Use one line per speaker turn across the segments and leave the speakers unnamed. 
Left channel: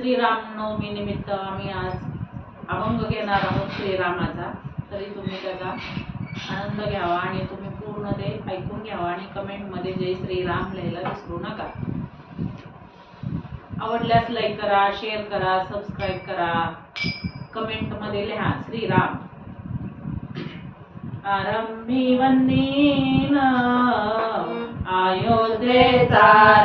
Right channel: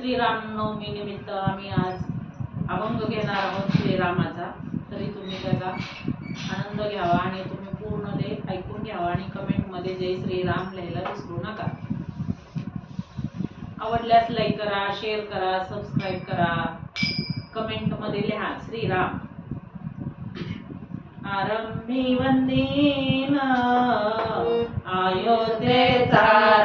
श्रीरामनवमी निमित्त आम्ही आज अभंग घेणार आहोत श्रीरामाचा. तरी तुम्ही त्याचा आनंद घ्यावा आणि तुम्ही पूर्ण ते ऐकून घ्यावा आणि कमेंटमध्ये जय श्रीराम लिहायला विसरू नका. आवडल्यास लाईक करा शेअर करा सबस्क्राईब करा. कमेंटमध्ये लिहा श्रीराम. आरंभी वंदीन आयोध्येचा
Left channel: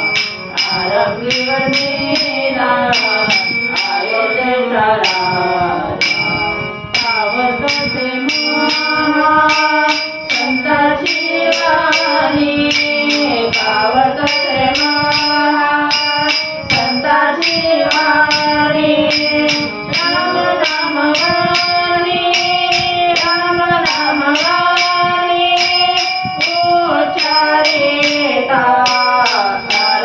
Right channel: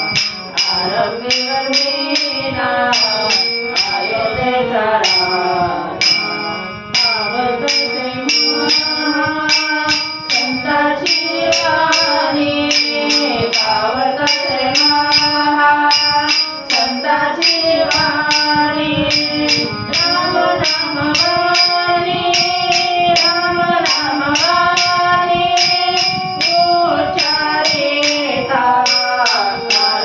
वंदीन अयोध्येचा पावत से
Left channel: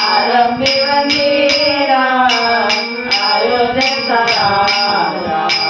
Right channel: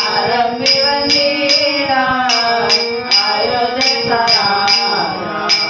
आरंभी वंदिरा आयोजन सराया।